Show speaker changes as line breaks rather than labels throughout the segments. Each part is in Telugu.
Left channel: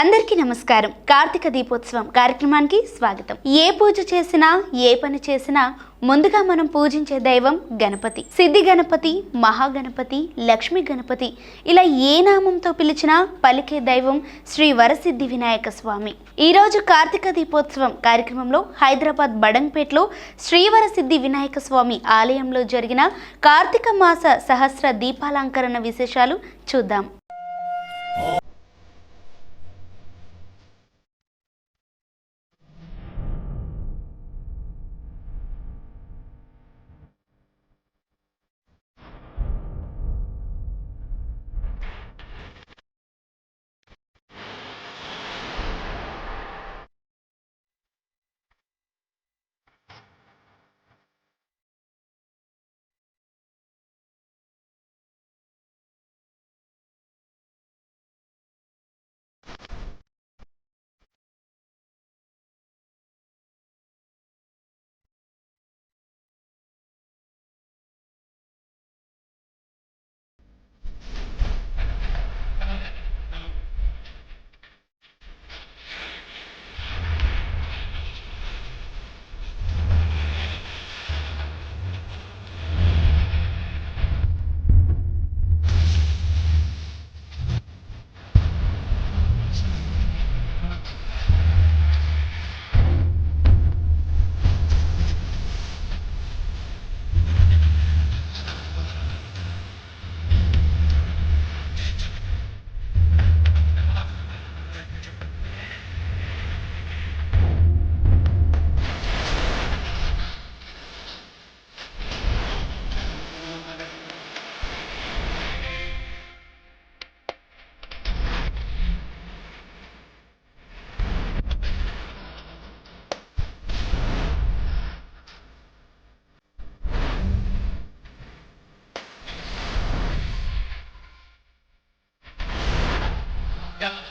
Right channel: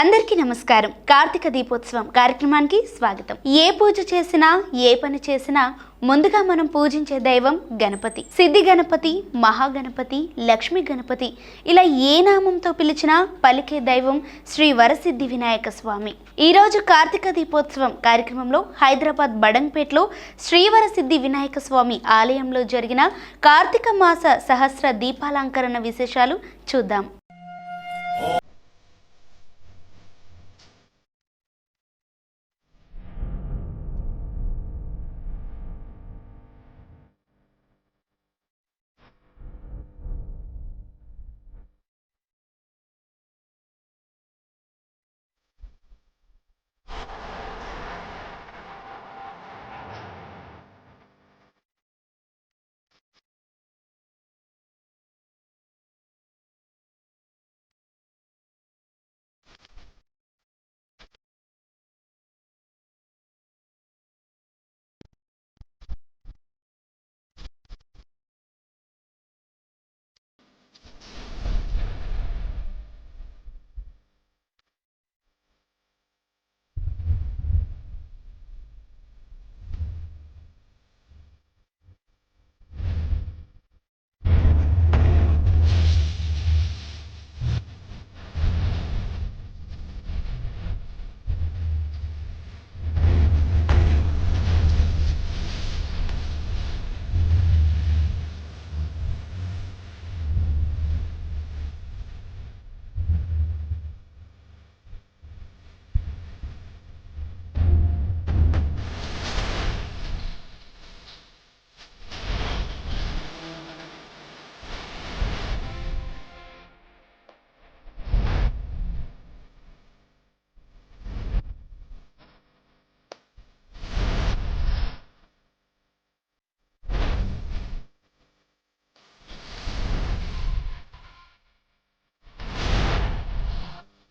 అందరికీ నమస్కారం. కార్తీక దీపోత్సవం కార్యక్రమానికి స్వాగతం. ఏ పూజ చేసినా ఏ పని చేసినా ముందుగా మనం పూజించే దైవం గణపతి. సిద్ధి గణపతి మహాగణపతి లక్ష్మీ గణపతి ఇలా ఏ నామంతో పిలిచినా పలికే దైవం శ్రీ వరసిద్ధి వినాయక స్వామి. ఈరోజు కార్తీక దీపోత్సవం కార్యక్రమంలో హైదరాబాద్ బడంపేటలో శ్రీవరసిద్ధి వినాయక స్వామి ఆలయంలో జరిగిన కార్తీక మాస సహస్ర దీపాలంకరణ విశేషాలు చూద్దాం.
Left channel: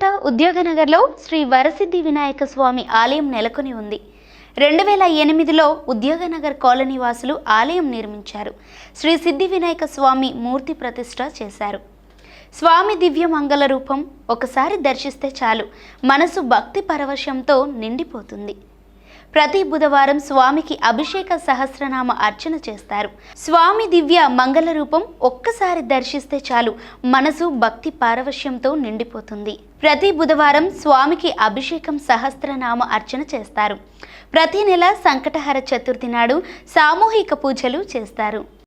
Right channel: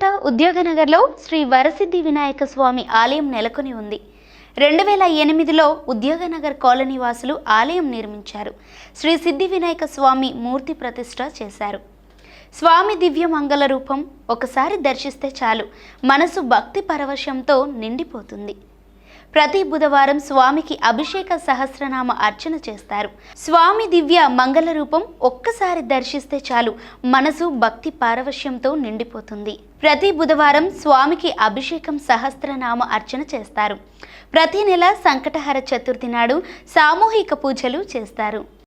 బడన్పేట ఉద్యోగనగర్లో శ్రీ వరసిద్ధి వినాయక స్వామి ఆలయం నెలకొని ఉంది. రెండు వేల ఎనిమిదిలో ఉద్యోగనగర్ కాలనీ వాసులు ఆలయం నిర్మించారు. శ్రీ సిద్ధి వినాయక స్వామి మూర్తి ప్రతిష్ట చేశారు. స్వామి దివ్య మంగళ రూపం ఒకసారి దర్శిస్తే చాలు. మనసు భక్తి పరవశంతో నిండిపోతుంది. ప్రతి బుధవారం స్వామికి అభిషేక సహస్రనామ అర్చన చేస్తారు. స్వామి దివ్య మంగళ రూపం ఒక్కసారి దర్శిస్తే చాలు మనసు భక్తి పారవశ్యంతో నిండిపోతుంది. ప్రతి బుధవారం స్వామికి అభిషేకం సహస్రనామ అర్చన చేస్తారు. ప్రతి నెల సంకటహర చతుర్థి నాడు సామూహిక పూజలు చేస్తారు.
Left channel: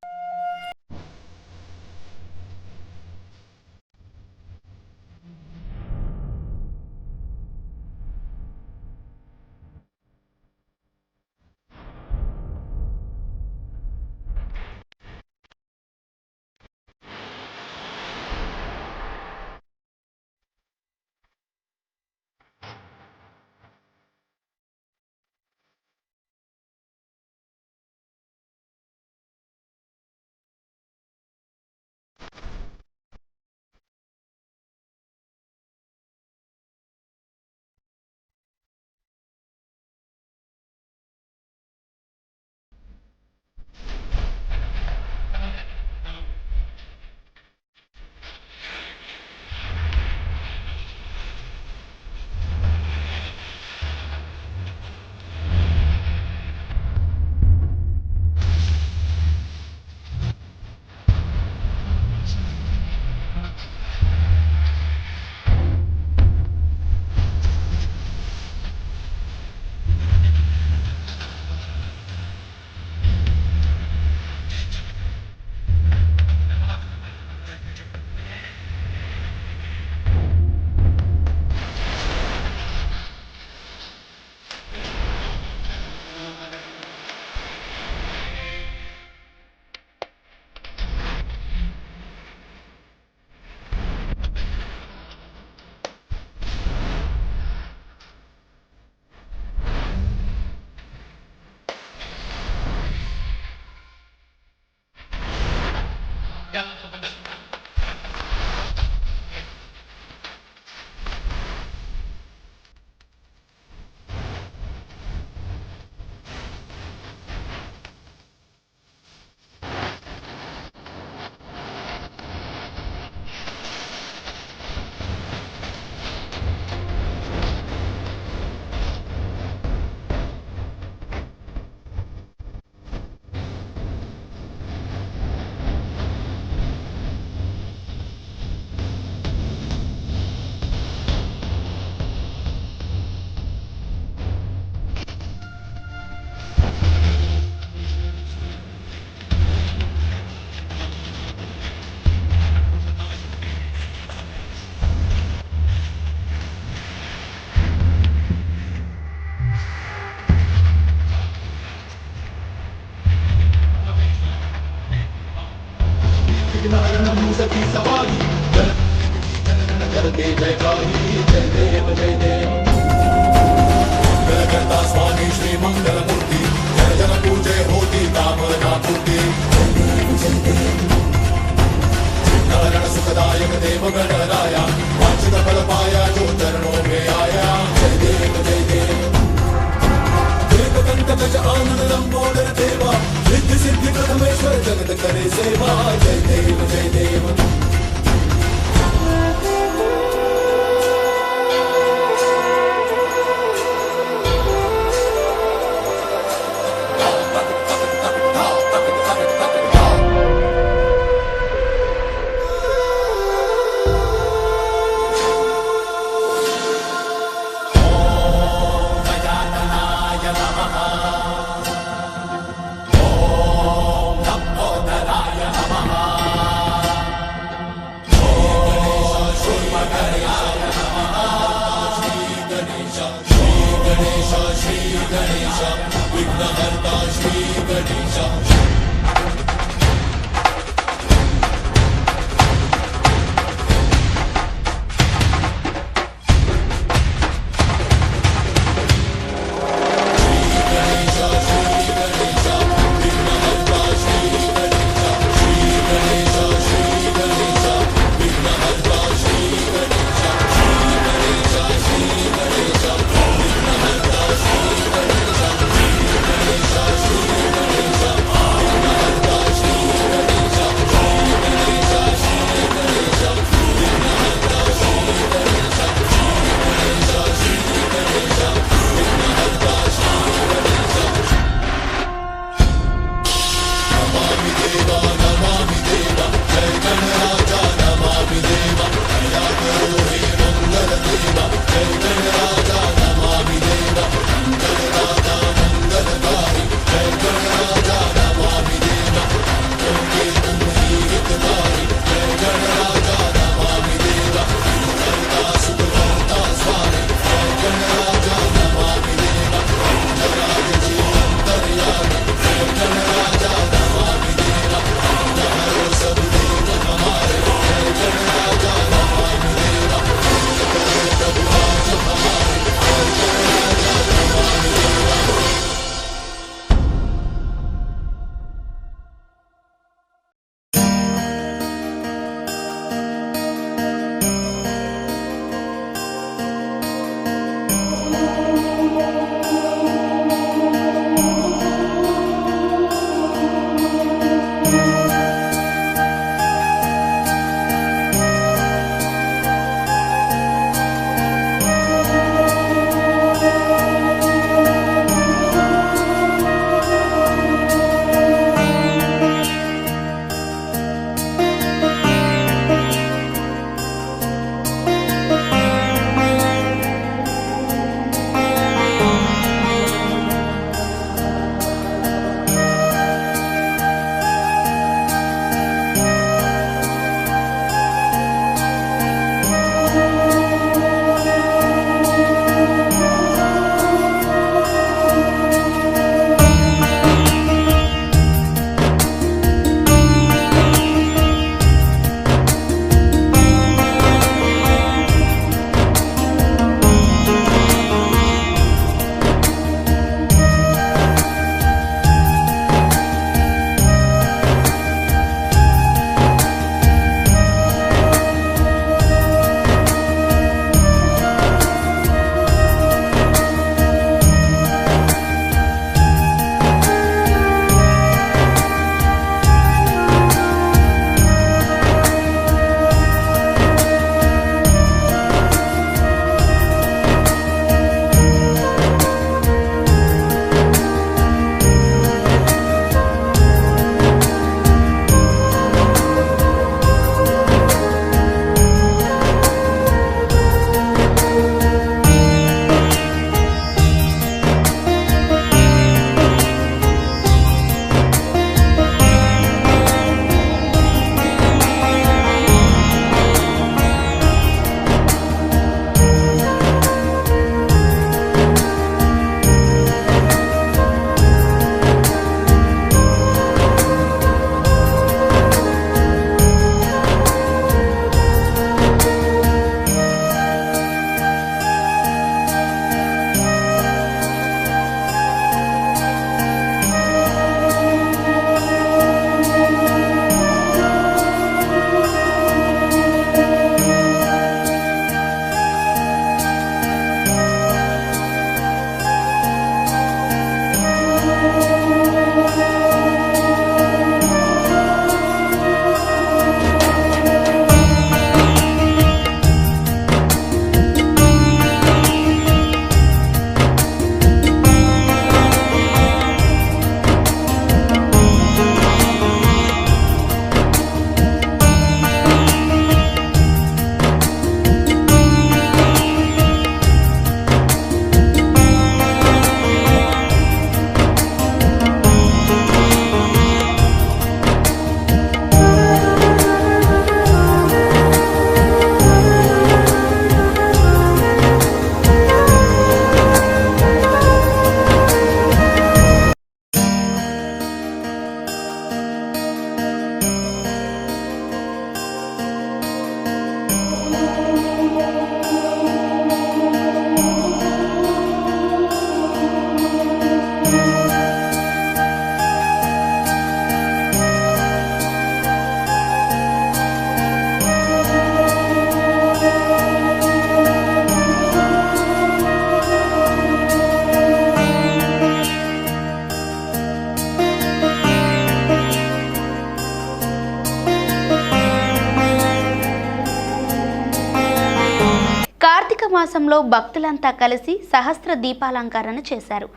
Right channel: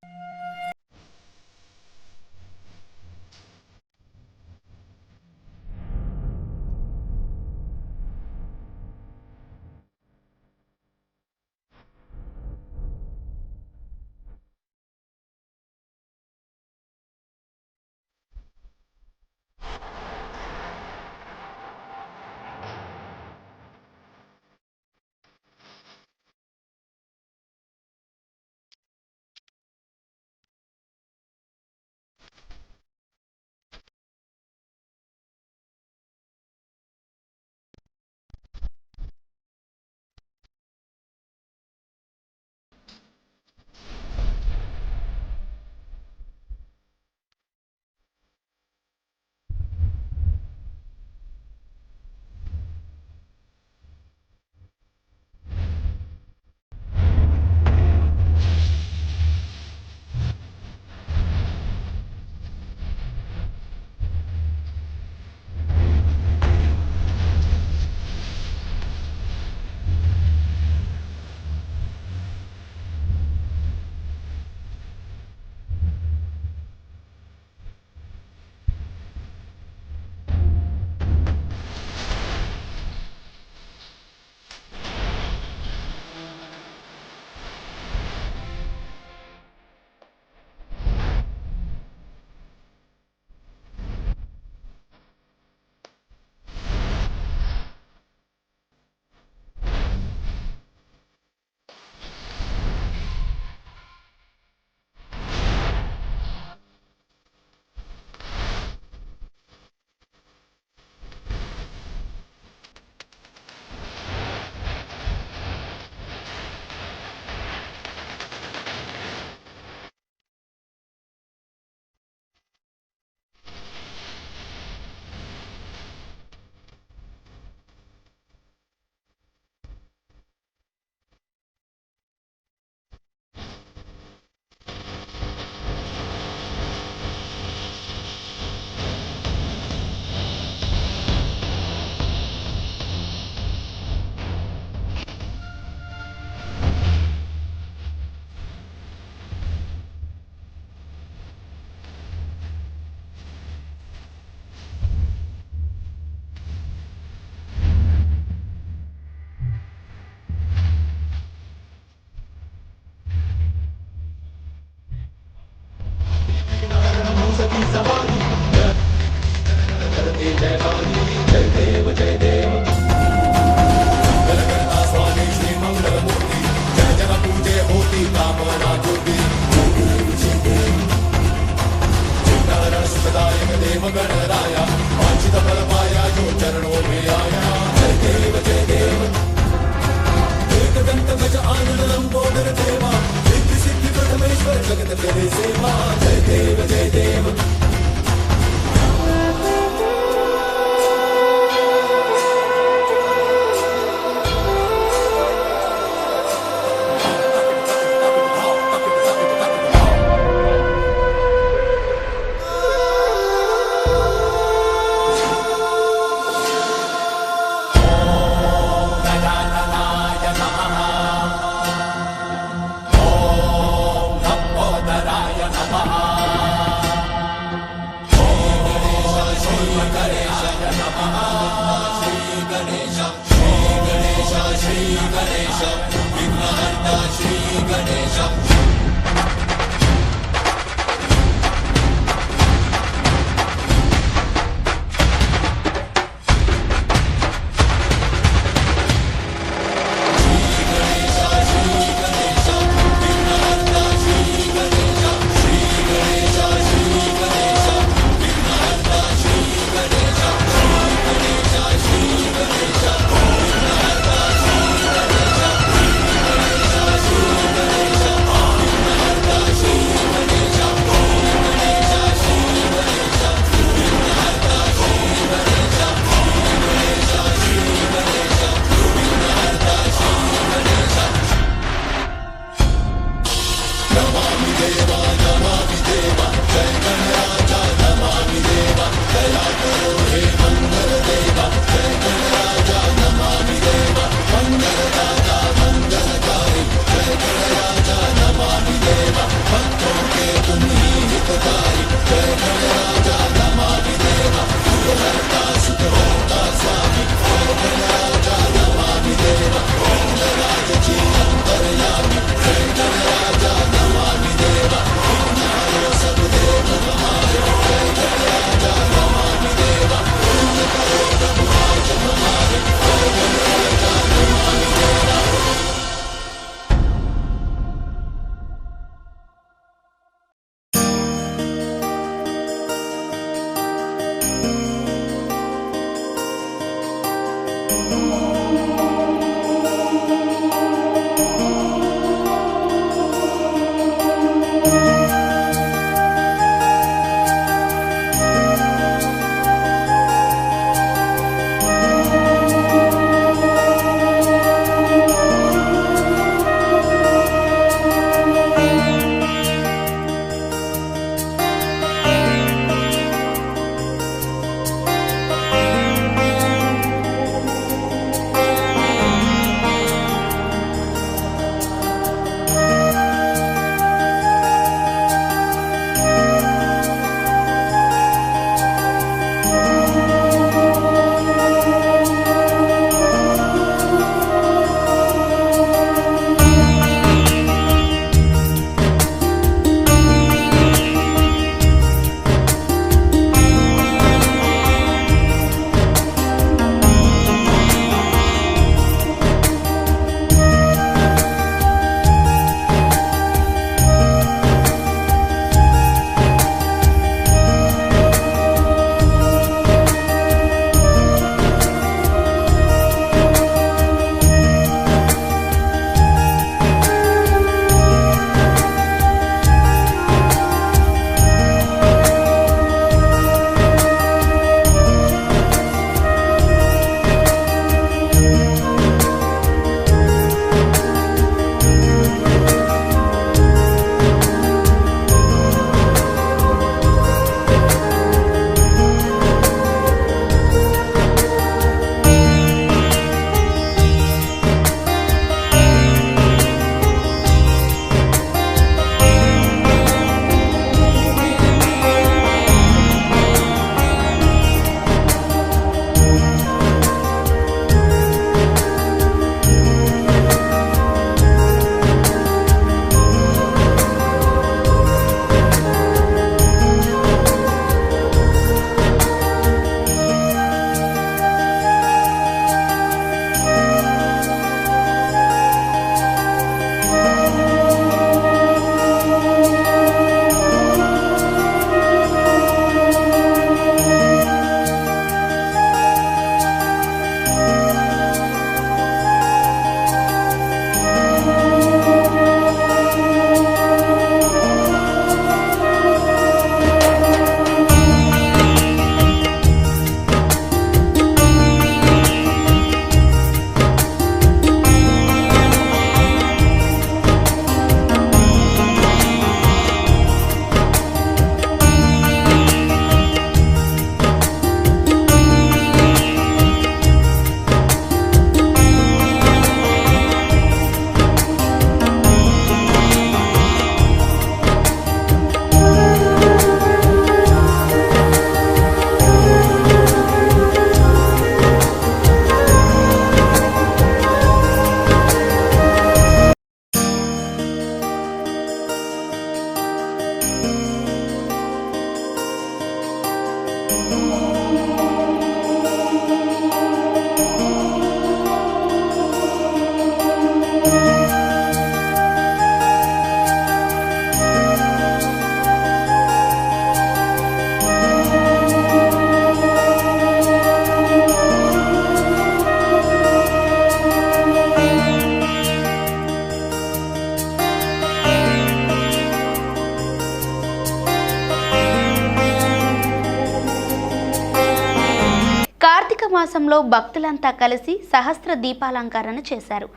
మాసంలో భక్తులంతా కలిసి సహస్ర దీపాలంకరణ చేశారు.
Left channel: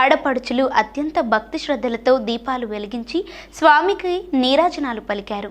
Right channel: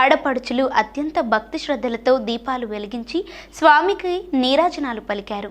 ఆడపడుచులు అత్యంత భక్తి శ్రద్ధలతో దీపాలు వెలిగించి స్వామికి నీరాజనాలు పలికారు.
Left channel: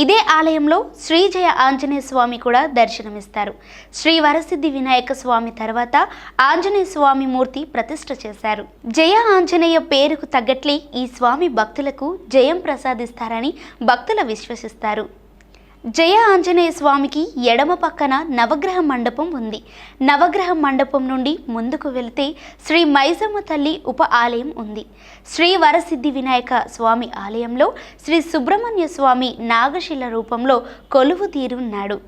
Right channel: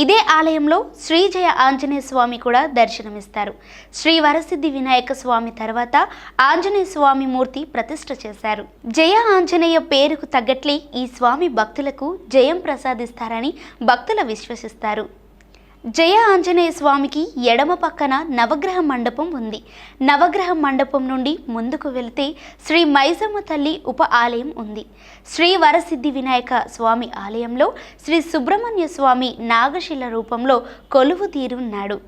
ఇదే ఆలయంలో శ్రీజయ ఆంజనేయ స్వామి కూడా దర్శనమిస్తారు. శ్రీ వరసిద్ధి వినాయక స్వామి తర్వాత ఆంజనేయ స్వామి మూర్తి ప్రతిష్ట చేశారు. జయ ఆంజనేయ పేరుకు తగ్గట్లే ఈ స్వామి భక్తులకు జయం ప్రసాదిస్తారని భక్తులు విశ్వసిస్తారు. జయ ఆంజనేయ స్వామికి ఎడమ పక్కన నవగ్రహ మండపం ఉంది. నవగ్రహ మండపం నుండి ముందుకు వెళితే శ్రీ మైసమ్మ తల్లి ఉప ఆలయం ఉంది. శ్రీ వరసిద్ధి వినాయక స్వామి ఆలయంలో శ్రీ సుబ్రహ్మణ్య స్వామి నాగశిల రూపంలో కొలువు తీరున్నాడు.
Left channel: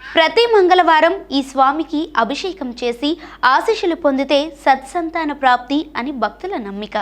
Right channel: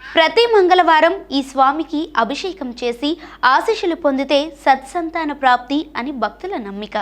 ప్రతి మంగళవారం ఈ స్వామికి అభిషేకం చేసి ఆశీస్సులు పొందితే సత్సంతాన ప్రాప్తి అని భక్తుల నమ్మిక.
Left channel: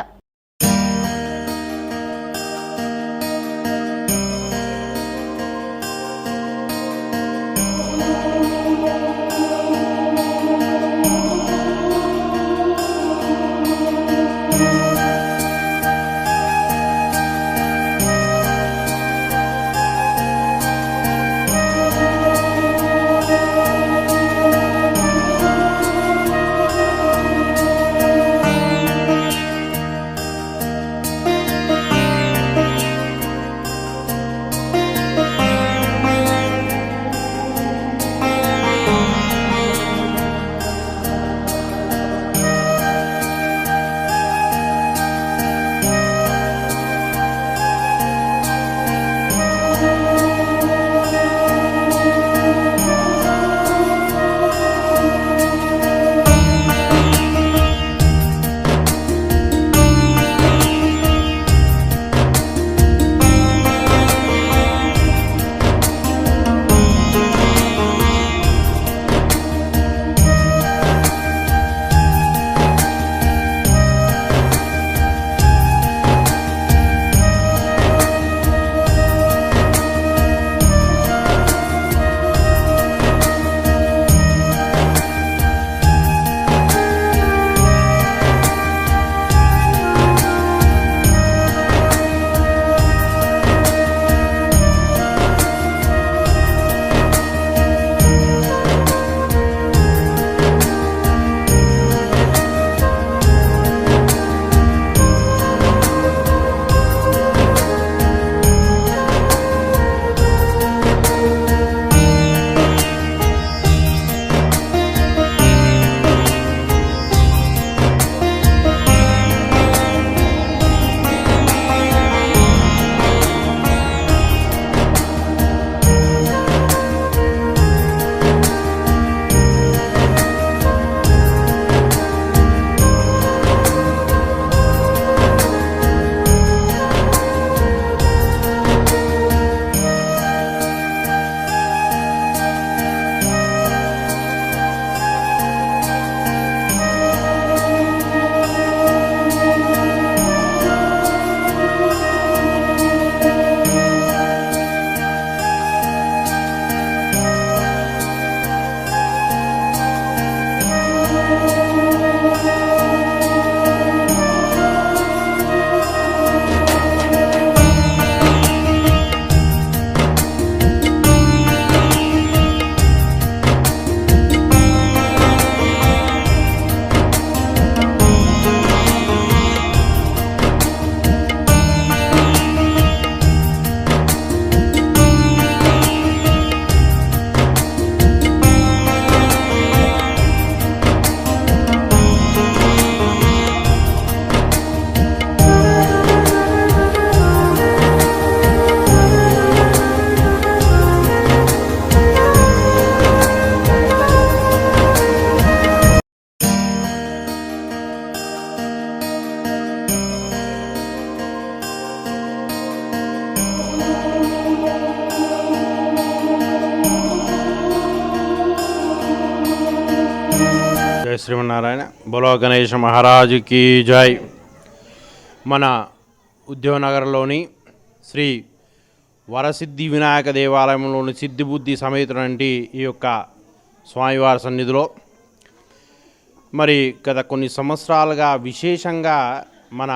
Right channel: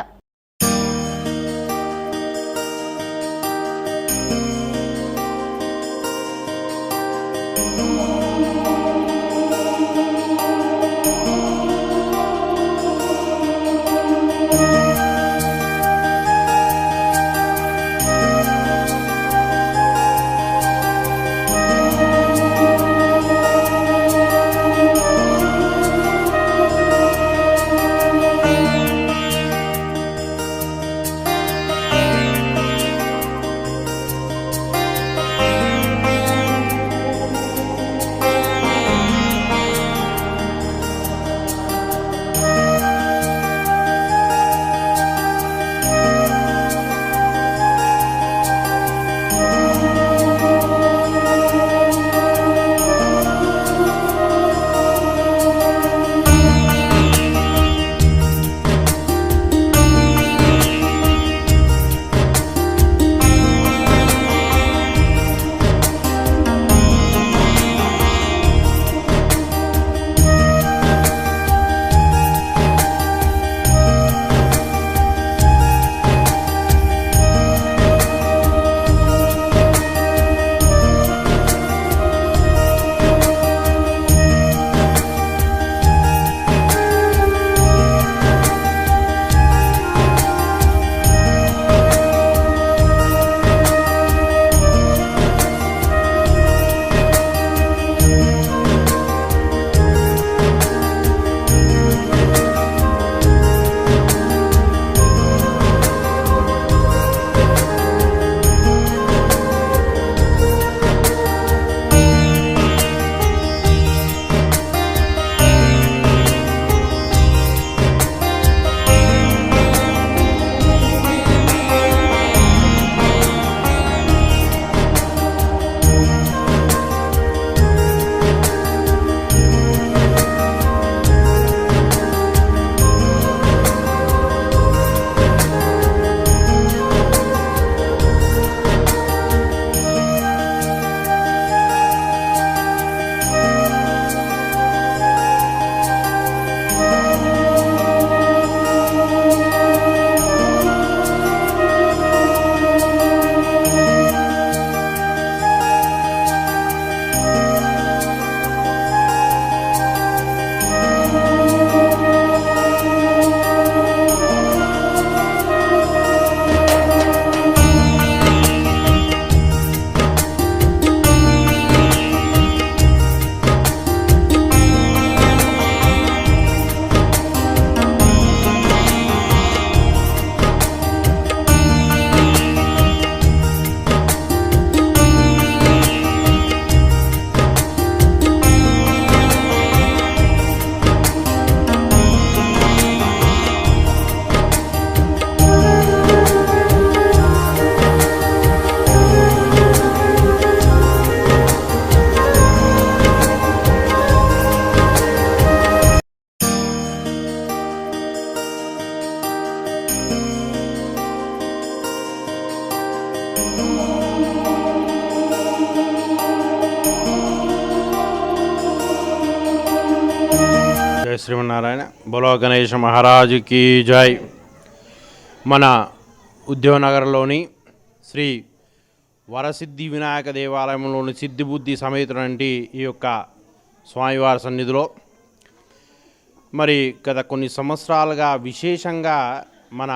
శ్రీమన్నారాయణ. బొలో గణేష్ మహారాజుకి జై. మన ఉద్యోగనగర్లోని శ్రీ వరసిద్ధి వినాయక దేవాలయంలోని సిద్ధిబుద్ధి సమేతుడంటి ఈ యొక్క స్వామివారి సన్నిధిలో మరి గత కొన్ని సంవత్సరాలుగా విశేషంగా మన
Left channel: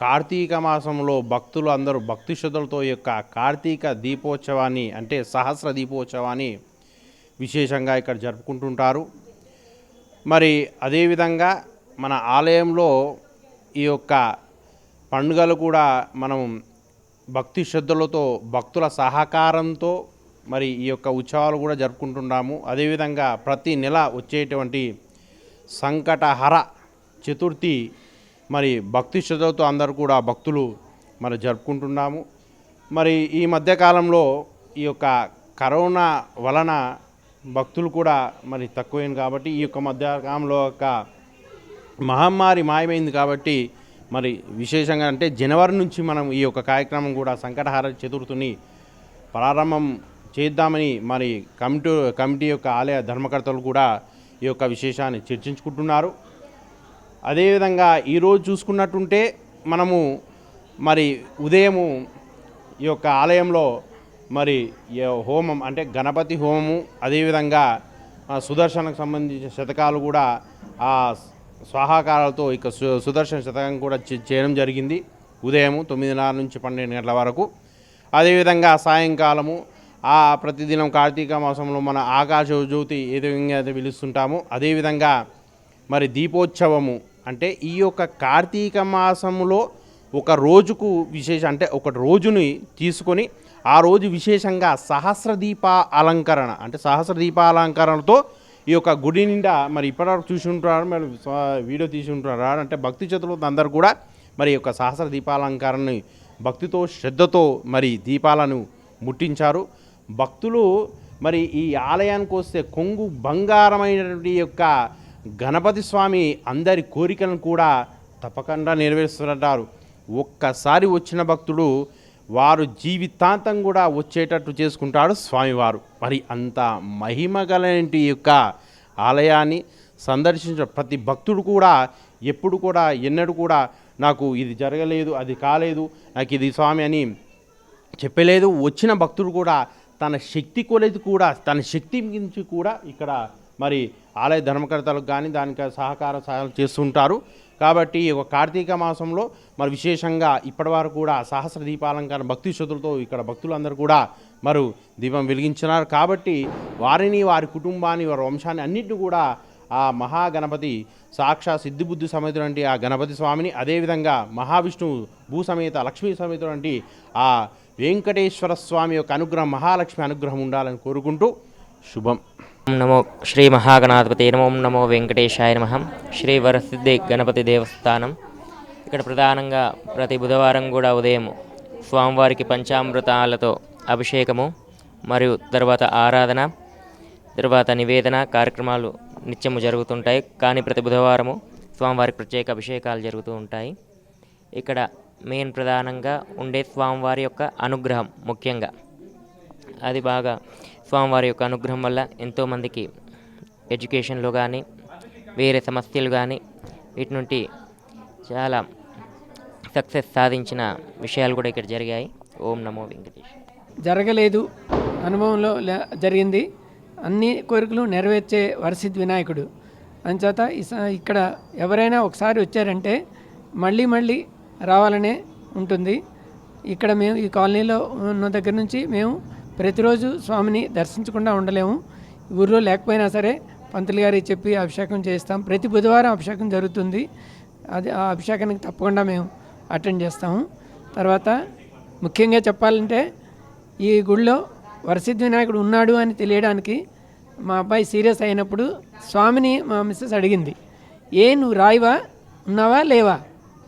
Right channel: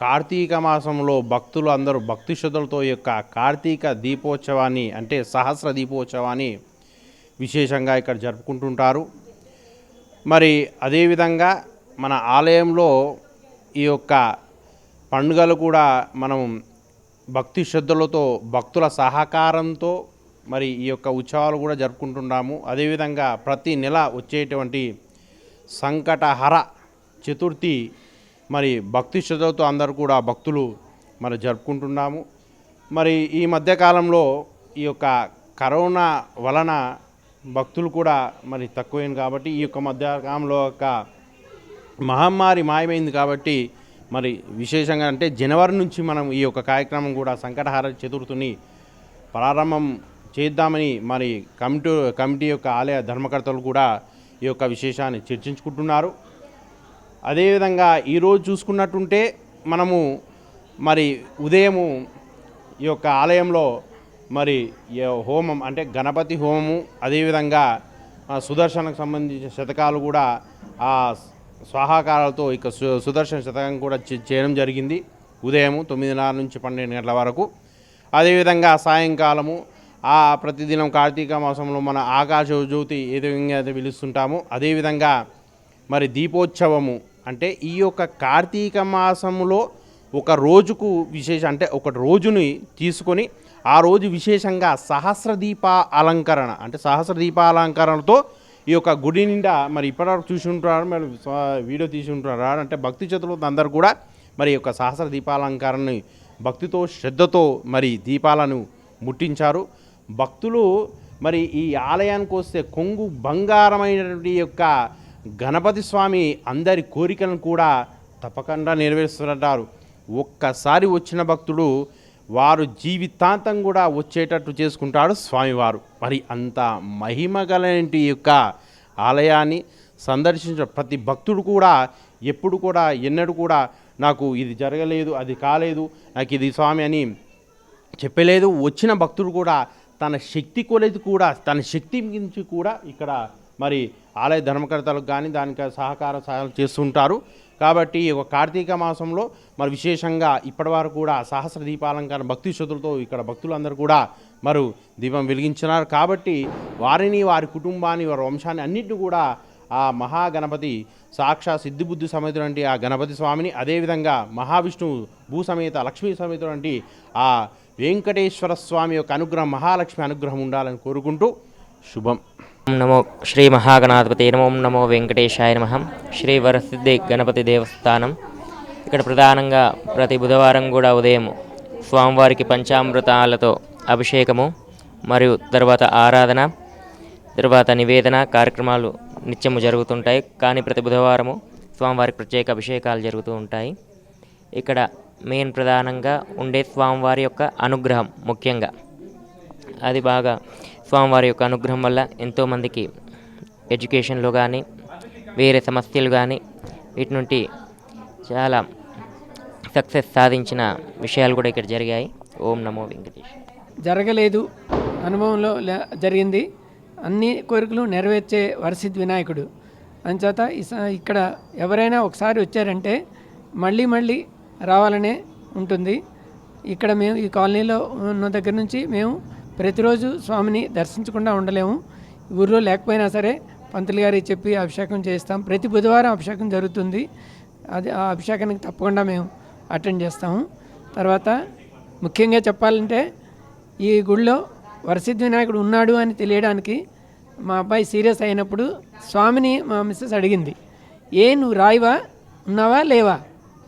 కార్తీక మాసంలో భక్తులు అందరూ భక్తి శ్రద్ధలతో ఈ యొక్క కార్తీక దీపోత్సవాన్ని అంటే సహస్ర దీపోత్సవాన్ని విశేషంగా ఇక్కడ జరుపుకుంటుంటారు. మరి అదేవిధంగా మన ఆలయంలో ఈ యొక్క పండుగలు కూడా మనం భక్తి శ్రద్ధలతో భక్తుల సహకారంతో మరి ఈ యొక్క ఉత్సవాలు కూడా జరుపుకుంటున్నాము అదేవిధంగా ప్రతి నెల వచ్చేటువంటి సంకటహర చతుర్థి మరి భక్తి శ్రద్ధలతో అందరూ కూడా భక్తులు మరి జరుపుకుంటున్నాము మరి ఈ మధ్యకాలంలో ఈ యొక్క కరోనా వలన భక్తులు కూడా మరి తక్కువైంది కాబట్టి ఈ యొక్క మధ్యకాలంలో ఒక మహమ్మారి మాయమైంది కాబట్టి మరి విశేషంగా అంటే జనవరి నుంచి మనం ఈ యొక్క కార్యక్రమం కూడా సంకటహార చతుర్థిని ప్రారంభం చేద్దామని మరి కమిటీ కమిటీ యొక్క ఆలయ ధర్మకర్తలు కూడా ఈ యొక్క విశేషాన్ని చర్చించుకుంటున్నారు. అదేవిధంగా ఈరోజు చూసుకున్నట్టుంటే మనము మరి ఉదయము ఈ యొక్క ఆలయంలో మరి హోమం అంటే గణపతి హోమము అదేవిధంగా సుదర్శనకు సంబంధించిన శతకాలు కూడా ఆ స్వాహాకారాలతో ఇక సు సుదర్శన శతకం కూడా చేయడం జరిగింది. ఉదయము తొమ్మిదిన్నర నుంచి పన్నెండు గంటల వరకు. అదేవిధంగా సాయంకాలము ఆ ప్రతిదినం కార్తీక మాసంలో మన ఆకాశ జ్యోతి ఏ విధంగా అయితే పిలుస్తుంటామో అదేవిధంగా మరి దీపోత్సవము అంటే ఈ యొక్క కార్తీక మాసములో ఒక రోజుకు విశేష అంటే ఒక రోజుని తీసుకొని ఆ రోజు విశేషంగా సహస్ర దీప అలంకరణ అంటే సహస్ర దీపాలంకరణతో ఈ యొక్క గుడి నిండా మరి ఇప్పటివరకు చూసి ఉంటారు మరి వీడియో తీసి ఉంటారు అంటే భక్తి చేతులతో అందరు కూడా మరి యొక్క సహస్ర దీపాలంకరణని భక్తితో శ్రద్ధతో మరి దీపాలను ముట్టించారు. భక్తులు మరి ఈ ఆలయానికి వస్తే కొంగు బంగారమైనటువంటి యొక్క గణపతి స్వామి అందరి కోరికలను కూడా తప్పకుండా నెరవేరుస్తుంటారు ఒక్కసారి వచ్చిన భక్తుడు వారు జీవితాంతం కూడా వచ్చేటట్టు చేసుకుంటాడు స్వామివారు. మరి అంత మహిమ గలటి యొక్క ఆలయాన్ని సందర్శించిన ప్రతి భక్తుడు కూడా ఎప్పుడు కూడా ఎన్నడూ కూడా నాకు ఇది జరగలేదు అది కాలేదు నాకు ఇది స్వామి అని చెప్పలేదు. వచ్చిన భక్తుడు కూడా తన శక్తి కొలది కూడా తన శక్తి గురించి కూడా ఇక్కడ మరి ఆలయ ధర్మకర్తలకు కానీ దానికి సహకార సహాయాలు చేస్తుంటారు. కాబట్టి ఒక కార్తీక మాసంలో మరి విశేషంగా ఇప్పటివరకు కూడా సహస్ర దీపాలంకరణ భక్తి శ్రుతులతో ఇక్కడ భక్తులందరూ కూడా మరి దీపం వెలిగించినారు. కాబట్టి వారిని వారి కుటుంబాన్ని వారి వంశాన్ని అన్నింటినీ కూడా ఆ మహాగణపతి సాక్షా సిద్ధిబుద్ధి సమేతుడంటి ఆ గణపతి స్వామిని అదేవిధంగా మహావిష్ణువు భూసమేత లక్ష్మీ సమేతుడంటి ఆ వెంకటేశ్వర స్వామి యొక్క అనుగ్రహం మహాలక్ష్మి అనుగ్రహం ఉండాలని కోరుకుంటూ శుభం.
నమో శ్రీ మహాగణాధిపతి నమో ఓం నమో వెంకటేశాయ నమ. శ్రీ వరసిద్ధి గణపతి దేవస్థానం. ఇక్కడ ప్రధానంగా ప్రతి బుధవారం కూడా ఉదయం స్వామివారికి పంచామృతాలతో అభిషేకము మరియు తర్వాత ఆరాధన తర్వాత నివేదన కార్యక్రమాలు నిత్యము జరుగుతుంటాయి. కానీ ప్రతి బుధవారము స్వామివారికి ప్రత్యేక అభిషేకాలు జరుగుతూ ఉంటాయి. ఇక్కడ మెయిన్ ప్రధానంగా ఉండే స్వామివారి యొక్క అనుగ్రహం ముఖ్యంగా. అది బాగా స్వామివారి యొక్క అనుగ్రహం వల్ల ఎంతోమందికి ఎడ్యుకేషన్లో కానీ వేరే సమస్యలు కానీ వీటి నుండి చాలా సక్సెస్ సాధించిన విషయాలు కూడా ఇక్కడ జరిగాయి. ఓం నమో వెంకటేష్
జరగలేదు. అనుభవంలో లే- జరిగింది. అన్ని కోరికలు నెరవేర్చే వరసిద్ధి వినాయకుడు. అంచేత ఇక్కడ ఎవరైనా ఒకసారి వచ్చారంటే మళ్ళీ మళ్ళీ రావాలనే ఉంటుంది. ఇక్కడ మేము ఈ కాలనీలో ఉన్న దగ్గర నుంచి మేము ప్రతిరోజు స్వామిని దర్శించకుండా ఉండలేము. ఊర్లో లేకపోయినా సరే పంతులు గారికి చెప్పి అభిషేకం చేస్తాం. ప్రతి బుధవారం అభిషేకం జరుగుతుంది. అది ఆ అభిషేకానికి తప్పకుండా మేము అటెండ్ చేస్తాము. తర్వాత ముఖ్యంగా చెప్పాలంటే ఈ గుడిలో వరసిద్ధి వినాయకుడు ఉన్నాడు అని తెలియడానికి మా అబ్బాయి సీరియస్ అయినప్పుడు స్వామిని మా మిస్సెస్ అడిగింది ఏ నువ్వు రాయివా? ఉన్నావా? లేవా?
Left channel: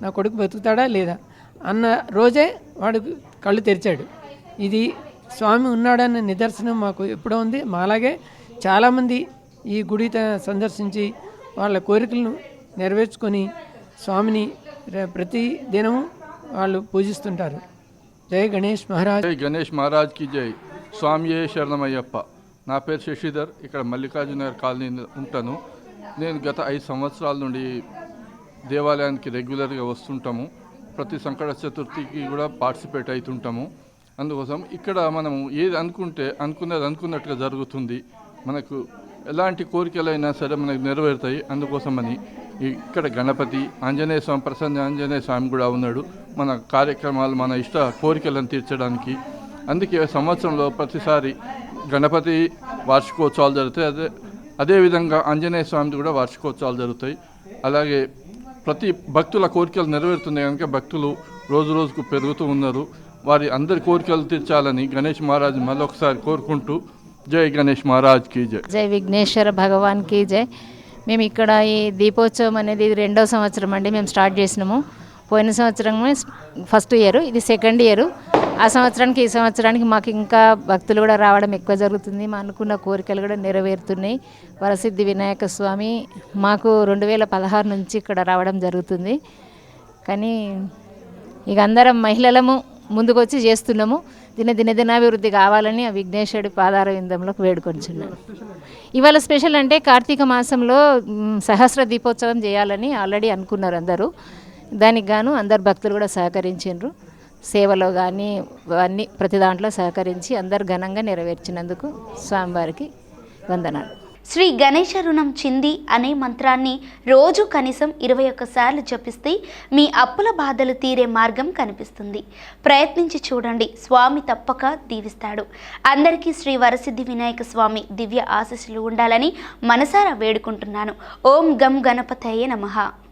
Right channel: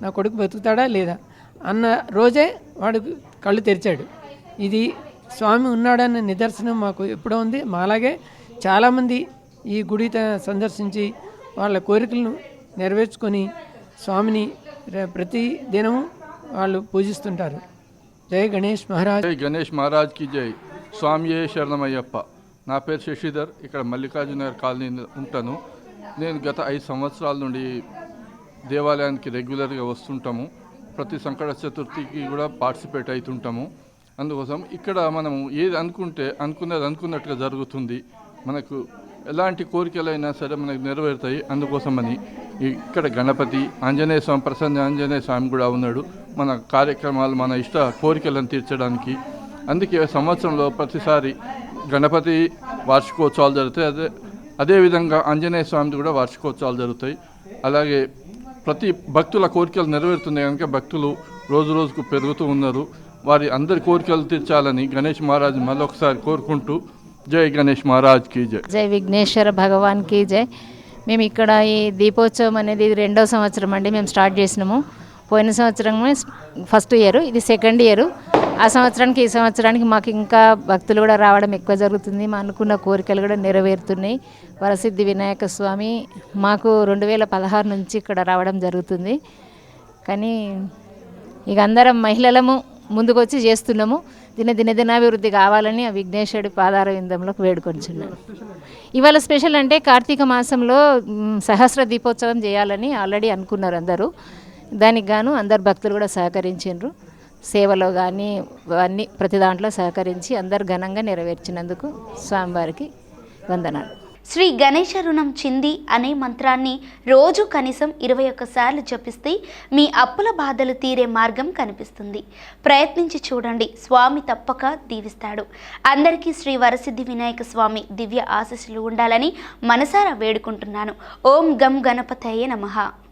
నా కొడుకు బతుకుతాడా లేదా? అన్న రోజే వాడు కళ్ళు తెరిచాడు. ఇది స్వామి ఉన్నాడన్న నిదర్శనం మాకు ఎప్పుడో ఉంది. మాలాగే చాలామంది ఈ గుడి సందర్శించి వాళ్ళ కోరికలను నెరవేర్చుకొని స్వామిని ప్రతి దినము వాళ్ళు పూజిస్తుంటారు. జై గణేష్ మహారాజ్.
జై గణేష్ మహారాజ్కి జై. స్వామియే శరణమయ్యప్ప. నా పేరు శశిధర్. ఇక్కడ మల్లికార్జునగర్ కాలనీ ఉంటాను. నేను గత ఐదు సంవత్సరాల నుండి దేవాలయానికి రెగ్యులర్గా వస్తుంటాము. ప్రతి సంకట చతుర్థికి కూడా పార్టిసిపేట్ అవుతుంటాము. అందుకోసం ఇక్కడ మనము ఏది అనుకుంటే అనుకున్నది అనుకున్నట్టుగా జరుగుతుంది. మనకు ఎలాంటి కోరికలైనా సరే మనకు నెరవేరుతాయి. అందుకోసమని ఇక్కడ గణపతి ఆంజనేయ స్వామి ప్రసన్న ఆంజనేయ స్వామి కూడా ఉన్నాడు. మన కార్యక్రమాలు మన ఇష్ట కోరికలను తీర్చడానికి. అందుకే సంవత్సరంలో ప్రతిసారి గణపతి వార్షికోత్సవాలు జరుగుతాయి. అదే అదేవిధంగా ఆంజనేయ స్వామిది కూడా వార్షికోత్సవాలు జరుగుతాయి. అలాగే ప్రతి భక్తుల కోరికలు నెరవేరుతున్నాయి. కనుక భక్తులు రోజు రోజుకు పెరుగుతూ ఉన్నారు. వారి అందరి కోరికలు తీర్చాలని గణేష్ మహారాజ్ మళ్ళొకసారి కోరుకుంటూ జై గణేష్ మహారాజ్కి జై.
జై విఘ్నేశ్వర భగవాన్కి జై. మేము ఇక్కడ ఈ దీపోత్సవం అనేది ఇది రెండో సంవత్సరం అండి మేము స్టార్ట్ చేసినాము. పోయిన సంవత్సరం ఫస్ట్ ఇయర్ ఇది సెకండ్ ఇయర్. ఆ సంవత్సరానికి ఈ సంవత్సరానికి మాకు ఇంకా భక్తులు కూడా రావడం ఎక్కువ జరుగుతుంది. మా అనుకున్న కోరికలు కూడా నెరవేరుతున్నాయి. వరసిద్ధి వినాయక స్వామి మాకు రెండు వేల పదహారు నుంచి ఇక్కడ రావడం జరుగుతుంది. కానీ ఇక అందరం మహిళలము ముందుకొచ్చి చేస్తున్నాము. దిన దిన దినాభివృద్ధి కావాలని ఆ విఘ్నేశ్వరుడి పాదార విందంలోకి వేడుకొంచున్నాను ఇవాళ స్పెషల్ అంటే కార్తీక మాసంలో సహస్ర దీపోత్సవం చేయాలని ఆల్రెడీ అనుకున్నారు అందరూ. దానికి గాను అందరు భక్తులు కూడా సహకరించారు సేవలో కానీ అన్ని ప్రతి దాంట్లో సహకరించి అందరు ఘనంగా నెరవేర్చినందుకు స్వామివారికి వందనాలు.
శ్రీ గణేశ రుణం చింది అనే మంత్రాన్ని రోజు కనీసం ఇరవై ఒక్కసార్లు జపిస్తే మీ అప్పుల బాధలు తీరే మార్గం కనిపిస్తుంది. ప్రయత్నించి చూడండి. స్వామి తప్పక దీవిస్తాడు. అందరికీ శ్రీ వరసిద్ధి వినాయక స్వామి దివ్య ఆశీస్సులు ఉండాలని మనసారా వేడుకుంటున్నాను. ఓం గం గణపతయే నమః.